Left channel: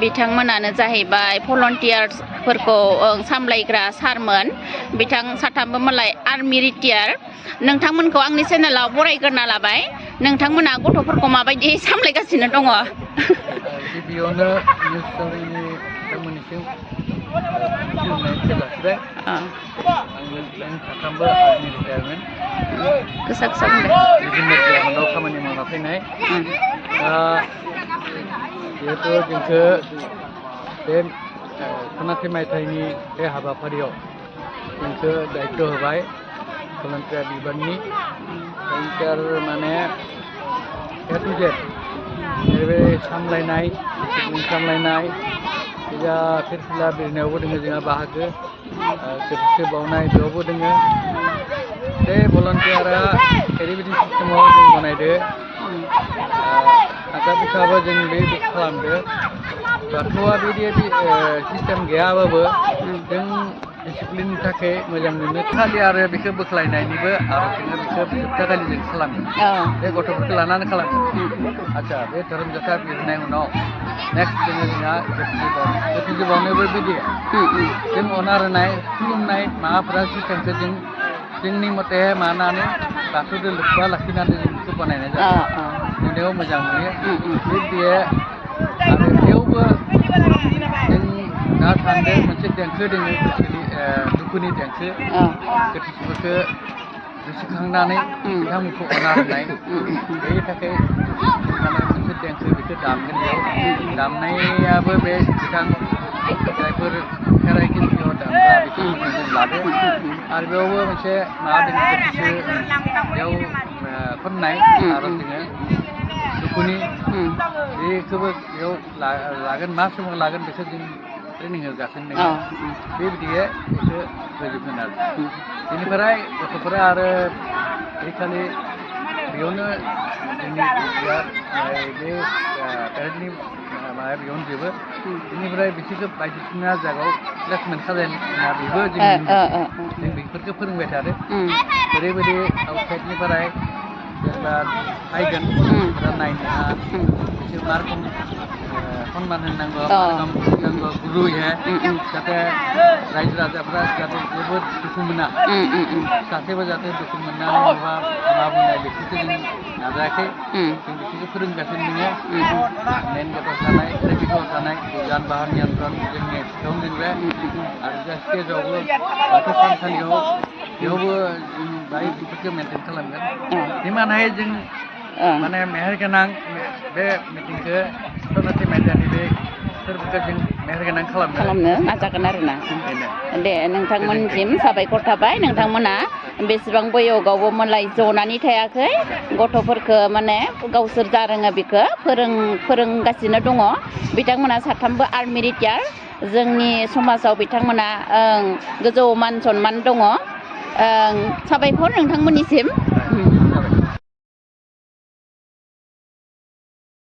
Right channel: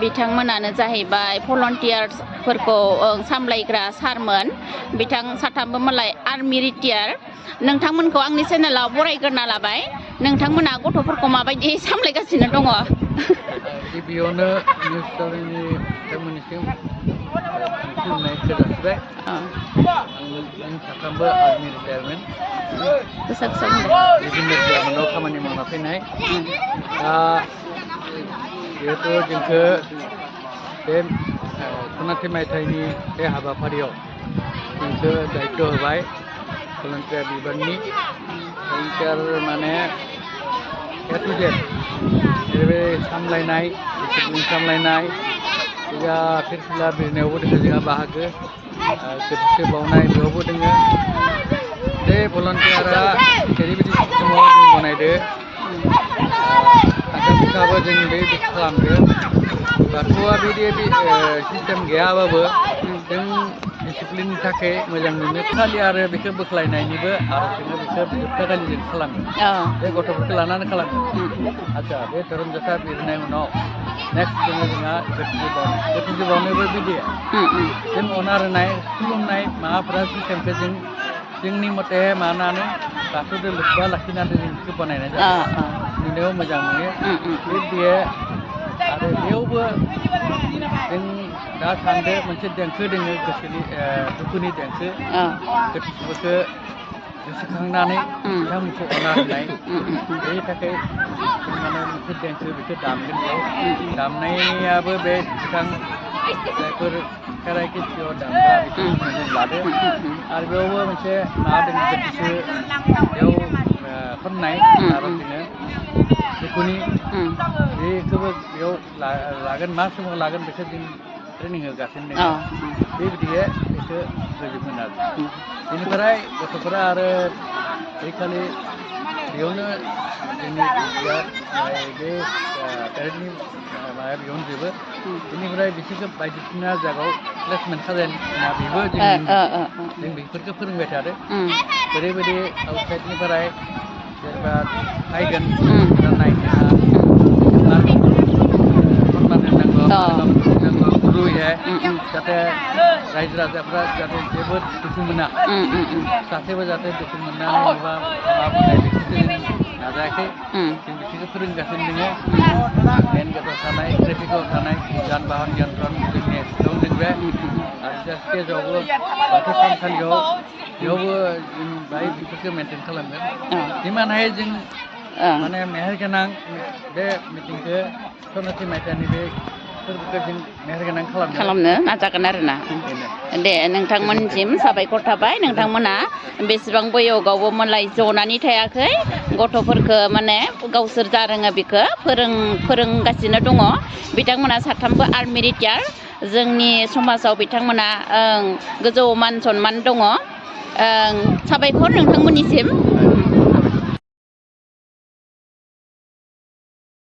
बिथांमोनानो जाहैबाय भलन्टियार्सफोरखौ सामलायग्रा सारमोन बिथां साथामबो मालाय आर्मि रिटायार नोंथांमोनखौ आंनि चेनेलाव बरायग्रोना लाबाय नोंथांमोना गथ'फोरखौ माबायदि सामलायगासिनो दङ गिबियावनो निउस चेनेलनि बिथांमोननिसिम खुलुमनाय जासिबाय आं साथामबो आर्मि रिटायारमोन गोसा गोसा बुंदो बिदिनो डिपार्टमेन्टआव खामानि मावना फैनाय दा जिहेथु जोंखौ बे सनाथि मायथाइनि बे हाबाफारियाव जोंखौ दायित्व होबाय भलन्टियार बिबाननि भलन्टियार माने ए टु जेड जेरै सामलायनाय डिसिप्लिन सामलायनाय जोंहा फिरफिला बिरनायावबो दङ जोंहा बाहागो गोथैसो बावनाय बेयावबो दङ बे भलन्टियारा ओरैबायदि सिस्टेमाव जों बनायदो आगा बिथाबो जों बेबायदि खालामदो बाथौआ बिदि सिस्टेम गैयाबाबो जों डिसिप्लिननि थाखाय मोजां मोनो खालि आरो बेखौ बोख्लायनायनिबो आरो जोङो बेखौ जोबथाखालि जों खालामो बे गथ'फोरखौ लानानै खालामो आदसा बे धोरोम जोबथा बिरनाय उनाव नेक्स्ट जोंहा गोथैसो बावनायबो बिदि जों अनार होनाय खुलुमनाय माबाफोरा सिस्टेमखौ जों जोंनि मथे मानानै बाथौजों लोब्बा लाखिनानै जों बेखौ बानायनाय जायो नुनायाव मोजां नुयो बियो आरो बेयावबो जों दा सान्दों मोनसे देंखो दङ गोसोनि दुखुनि देंखो गोथैफोरखौ गोसोखांनानै बिथांमोनखौ अनार होनाय बेनि थाखाय जों माने मोनसे देंखो बेखौ दामगोन बेयाव दामनायाबो बे बिथां जायफोर खेराइ खिथियाव दामग्रा बिथांमोनखौ जों लादो आरो बेयावबो मोनसे माबा दङ गोथैसो बेयाव खननाय आरो जोङो दुखुनि बेखौबो बेयाव लागोन मा समाव लागोन बेखौ जों ट्रेनिं होगासिनो दङ बेबायदियै बेखौ होजोबगोन आरो बेनिफ्राय गथ'फोरा आरो बे खालि बेयावनो जोंनि बे पेरेडनि माबाया बेयावनो जोबो बेनिफ्राय बिसोरखौ बायदिसिना जायगायाव प्लेसमेन्ट खालामना बेबो जों बेफोरखौ फोरोंबाय थादों ओरैबायदि आउटसाइडनिफ्राय जेनेबा नायगोन नायनाया सनमान होनांगौ गुरुयैहाय जाहाथे रायजो राजाफ्रा जाहाथे जेबो दुखु मोना सासेबो जाहाथे दुखु मोननानै माबा बुंनाय बेखौसो जों नाजायाखै जों बिसोरखौ फोरोंगासिनो दङ मेन गेटआव थानाय ट्रेफिकआव थानाय जान बाहन नियन्त्रण जोंनि एक्सट्रायावनो दोनबाय आरो जा स्टेजावबो बाथौ थानसालियाव बेयावबो जों बाहाय बेफोरखौ मेनटेन खालामगोन जिमान हायो जों माने मेहेरगोनां बे मिटिंखौ सनाथि मायथाइनि बे फोरबोखौ जों मेहेरगोनां खालामनो नाजागोन आरोना दे नोंथांमोनसिम साबायखर थाबाय नोंथांमोना बेसेबां बैयोगावबो मालाय जनानै थायाखै गथ'फोरखौ माने गावसोर जा रोङो बेखौ फोरोंगासिनो दङ बिथांमोना साथामबो आर्मि रिटायार जोंनि समाजाव बिथांमोना गोजौ मान सनमान दङ साबायखर नोंथांमोननिसिम